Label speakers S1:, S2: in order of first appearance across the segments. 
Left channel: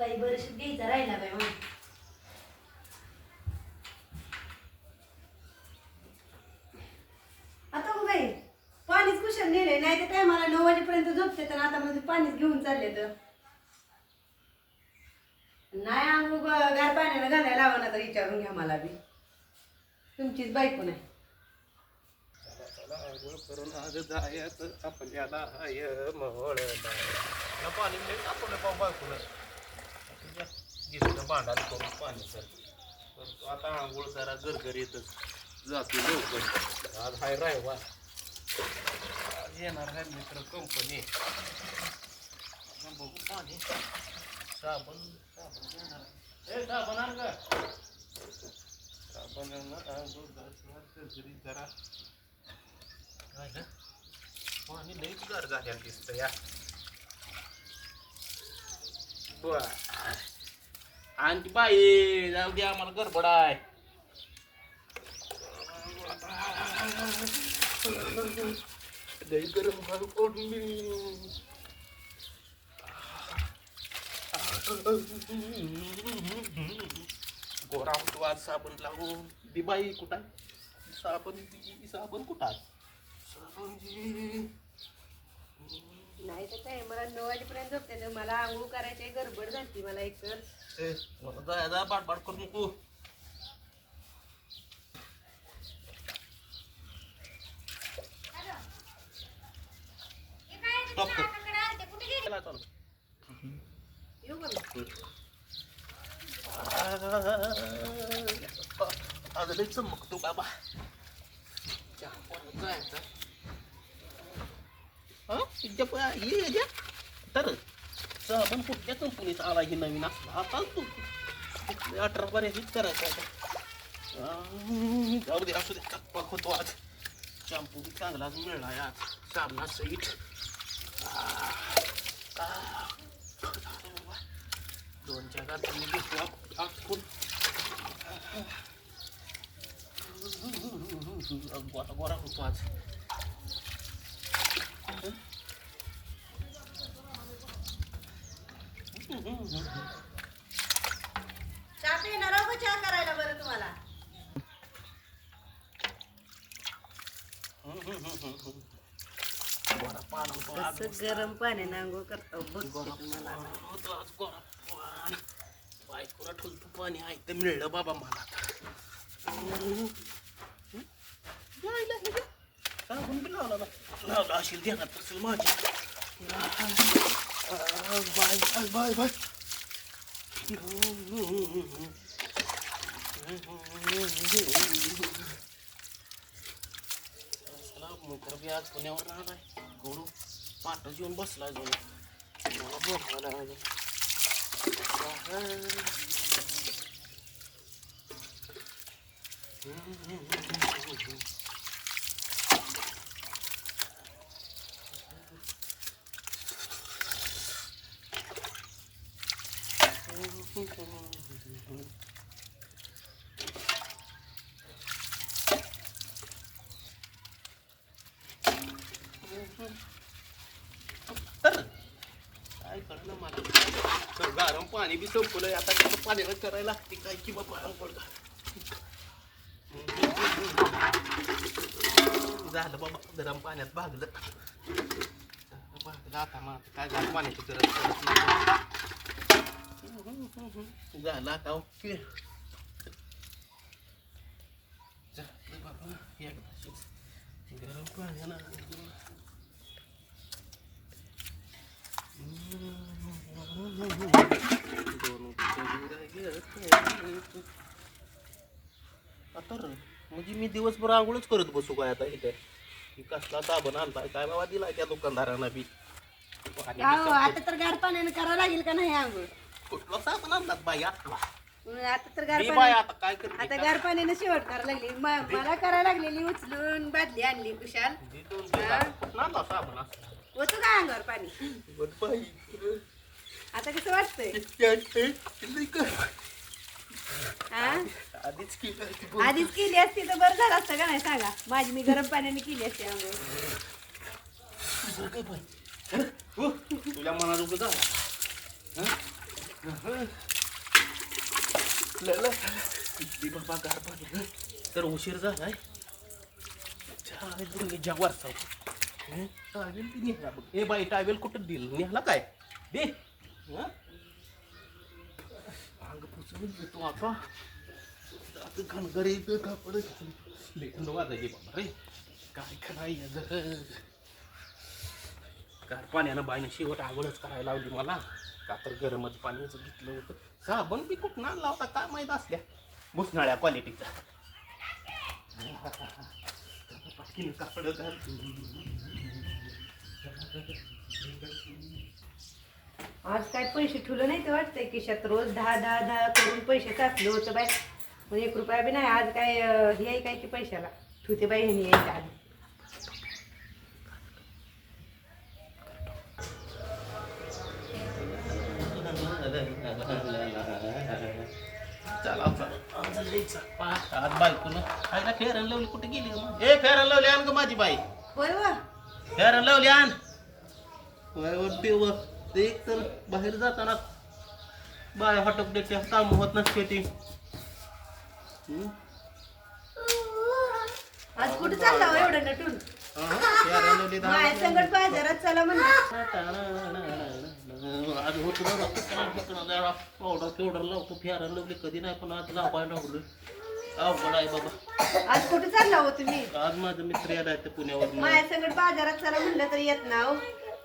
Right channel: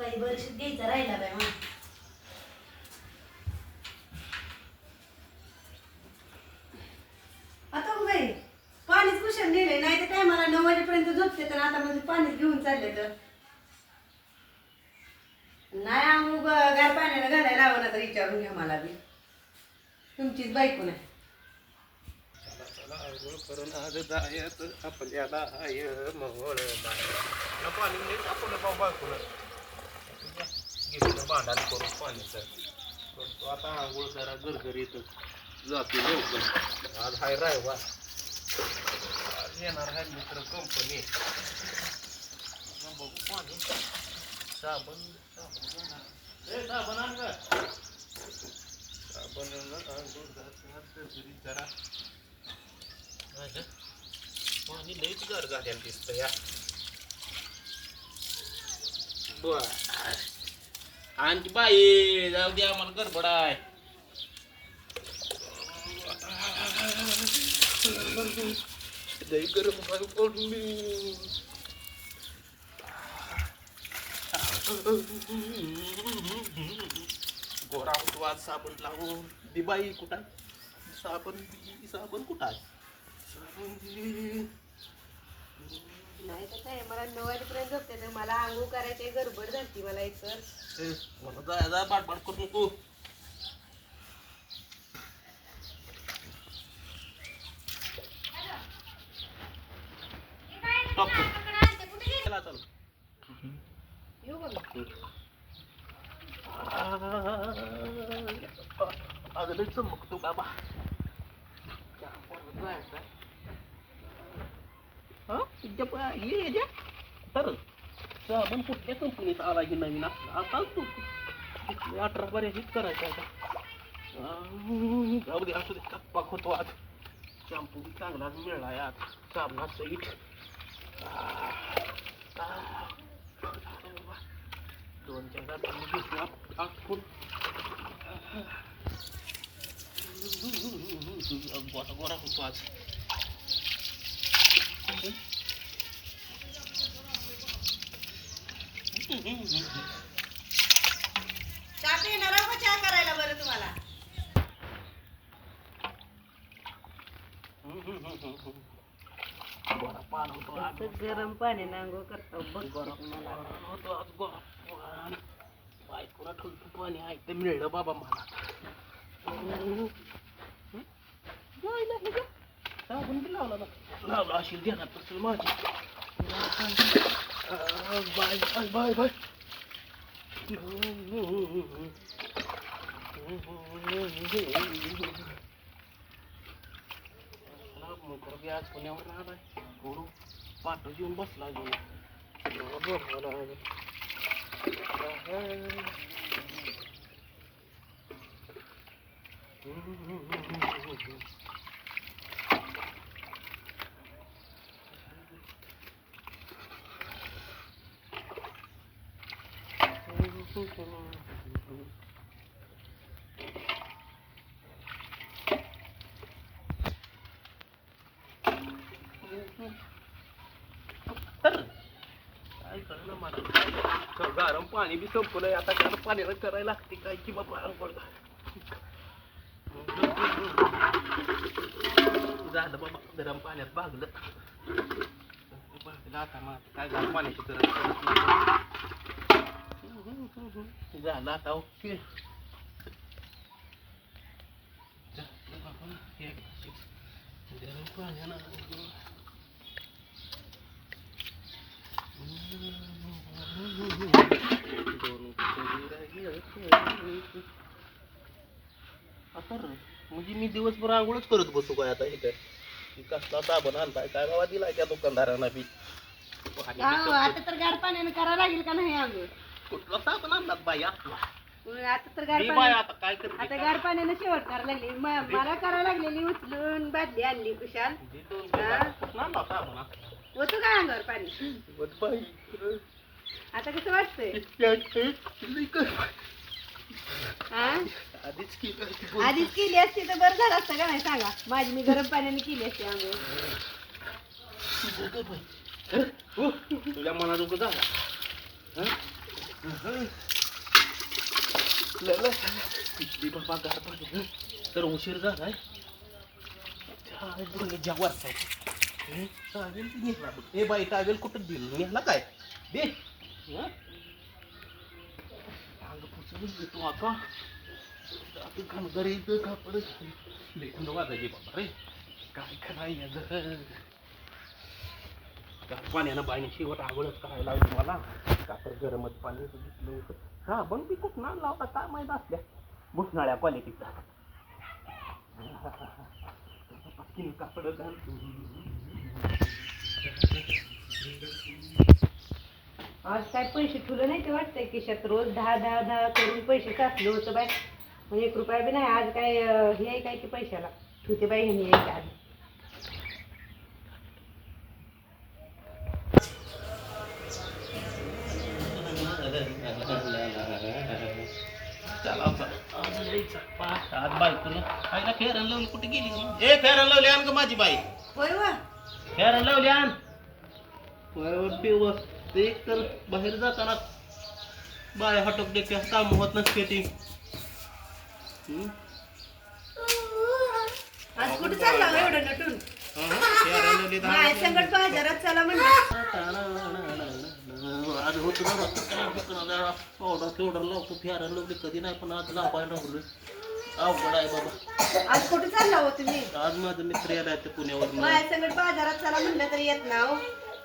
S1: बाई बरं घ्यायचा राहिला बाय मग आता हो बाई पाणीच कुशल नेले नाही तर काय मला नऊ वाजेपर्यंत झोपते तर आता म्हणजे पाणीच घेऊन चालले तर. नाही आंघोळ ग- गार पाण्यानं घालायला लावा ना तर विचारून घ्या मला बी. तुमचीच बायको नाही.
S2: आपल्याला हाय मोहळला पाणी नाही आपण घेतलं भांडायला करून पाणीचं करतो आता आंघोळ करा गरगरीतच जातो लवकर. आज हाय रायवा आज येणार आहे मित्र कंपनी बघू पाणी. साबण साबण साबण आण का साबण आंघोळ करतात गरगरीत जरा? पाणी लईच गार झालेलं दिसतं या. बर. आणखी बाई जाऊ दे आम्हाला गडबड आहे. गरम गोरा होतो आज साबण लावून. दी बाई कुठं आहे? साबण साबण कुठं आहे? साबण
S1: तर काय मला नऊ वाजेपर्यंत झोपते तर मला आंघोळ करायची गडबड झाली मला एक तर
S2: ए, मला जायला बाट बाट करू नको Stop. चला, चला.
S1: येऊ का मी?
S2: आज लय चमकतो बाबा चहा जायचं. हं? इथे प- ये ये. तर साबण कुठल्या कंपनीचा आला की नवीन असला. आता तू. अठरा बऱ्या हिट आता जाऊ दे असू दे. कप्पा होतो आज. शॅम्पू बी चांगलाच मिळाला आहे आज. साबणा सहित दोन जगात मी घेतला. आठवून गोरा गोरा होतो आज.
S1: चहा पिणार आहो का चहा करायला बरं तुम्हाला? गरम पाण्याने आंघोळ करतो तुम्हाला.
S2: बायकोला ठुलतं पाणी आहे? मिळलं बाबा मला. लावला लावला असेल ध्यानात असेल माझी. बाय बाय बाय बाय चला मोकर बी आज पुण्यावर राहिलाय कोण पाठच येऊन बसलाय जो मला बघायला लागेल. तर मला गरम पाणी बी संपलंय आता गरम पाण्याला करायला लागते काय की बाबा झालं बाबा गरम पाण्यात भागलं भागलं आता मग काय गरम पाण्याची गरज पडत नाही. झालं आता ओके झालं बाबा एकदाचीच. गरम पाण्यानं आता रे, म्हणजे मी दिवसभर आंघोळच करत बसू काय आता इथं की कसला साबण आणलाय काय बाबा दिलाय त्या दुकानदारांना बी आणि
S1: अहो, आता तर गार पाण्याने करावं लागेल का नाही आंघोळ
S2: कुठला साबण आणलात बाई आपला?
S1: मग आता तर गार
S2: दे बाई
S1: पाणी
S2: आता काय करते
S1: आता गार पाण्याने शेवट करायला लागली. म- मला करायला लागलेली उचलून बादली आणली कुशाल
S2: दे दोन दे? आता. कुठला आणला साबण असला?
S1: होतो का अंगावर पाणी?
S2: बाई,
S1: आता कसं वाटतंय?
S2: लई कर.
S1: हा?
S2: आधीच ती.
S1: आधीच केली असती तर बरं झालं असतं का नाही सांगा? माझी मी गरम पाण्याने केली असती आंघोळ
S2: हो, तुझ्या मनाजोगं जावा. हं? बाबा गार पाणी. तर उशीर झालाय. जवार टावेल ती नेला बघ ए बाई टावेल कुठं दिल? नेला काय? दे. हं? अंग पुसून देतो आता. आता घनगरी कापड लेखंड वाजायचे बाबा रे. काय करायचं? जर पाण्यानं बाईनं शेवट आगोळच करायला लावली मला. का? तर गरमच पाणीच घेतलं होतं. साबण बी कुठं आणला होता काय माहीत असल्या. मुसनाळ्या क्वालिटीचा
S1: आज काय पैसे ठेवलं नाही ते वाटतंय खिशात? रोज दहा दहा दहा करून पैसे चाचले होतं बाय मग एक रुपया बी नाही. आज काय हे आहे काय की पैशाला? ठेवते बाई ह्यानी यायच्या
S2: आज बायकोनं खायला फेरन लावली. कुठे गेली? ए फेरन लावली आण ग माझी बाई.
S1: होय वा.
S2: फेरन लावली आण. देव ते एक तर बाहेर जाताना बाय हटक देखते काम होत नसते ती?
S1: आज कुठं चालला हो एवढं नटून?
S2: फेरन लावली दहा
S1: माय संकट बाजारात चला म्हणलं.
S2: आज होत पावडर केवढं लावतो. फेरायला लावली कधी नाही पण आज लावायला लावलोय अवघड आहे बाबा.
S1: आज कुठं चालला हो तुम्ही?
S2: आज माझं मित्र यायला ते पुण्यावर
S1: माय संकट बाजारात चला म्हणलं तर येत ना हो.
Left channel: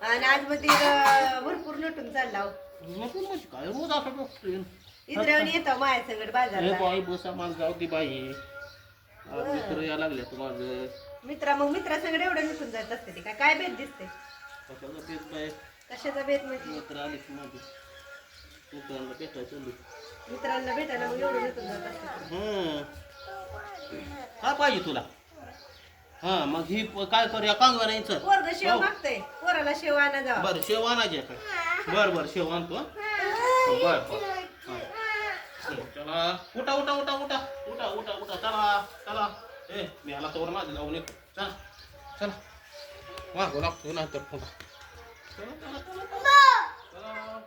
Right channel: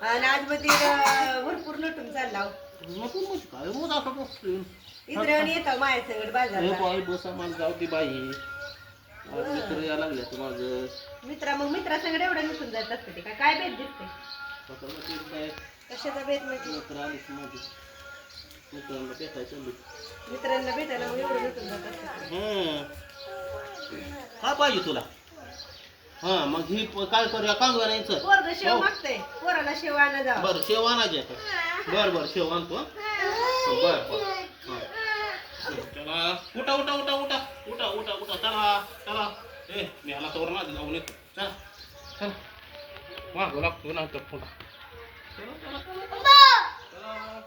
S1: आणि आज मध्ये अं, भरपूर नटून चालला हो.
S2: नको म्हणजे काय रोज असं नसतोय
S1: इथं येतो माय संकट
S2: अरे
S1: बाजारात
S2: बाई बस आम्हाला जाऊ दे बाई. आज मित्र यायला लागले तर माझं.
S1: मित्रा मग मित्रा संगड एवढं नटून जात असते ते काय? काय बेत दिसते कशाचा बेत म्हणजे?
S2: मित्र आलीच माझी. मित्रांना भेटायचं
S1: मित्रांना भेटायला मग एवढं नटून जात असते
S2: हम्म. काय पाहिजे तुला? हा मग ही प- काय करूया? कांगवा नाही चल
S1: पोरग शेव
S2: हो.
S1: मागतय. पोराला शेव आणा जावा.
S2: बर शेव आणायचे काय बर बर शेव आणतो हं. बर बर. हं. चला. उठा उठा उठा उठा. उठा उठा उठा. चला चला. ए मी ह्याला तोर माझं जाऊन येतो. चला चला. मागं लागतो नंतर पुन्हा चला, चला, चला, चला.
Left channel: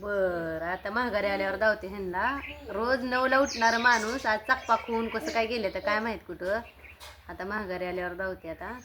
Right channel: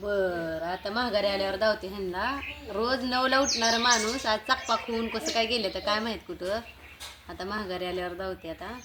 S1: बर आता महागारी आल्यावर धावते ह्यांना. रोज नऊला उठणार माणूस आज चकपाक होऊन कसं काय गेलं तर काय माहीत कुठं. आता महागारी आल्यावर धावते आता.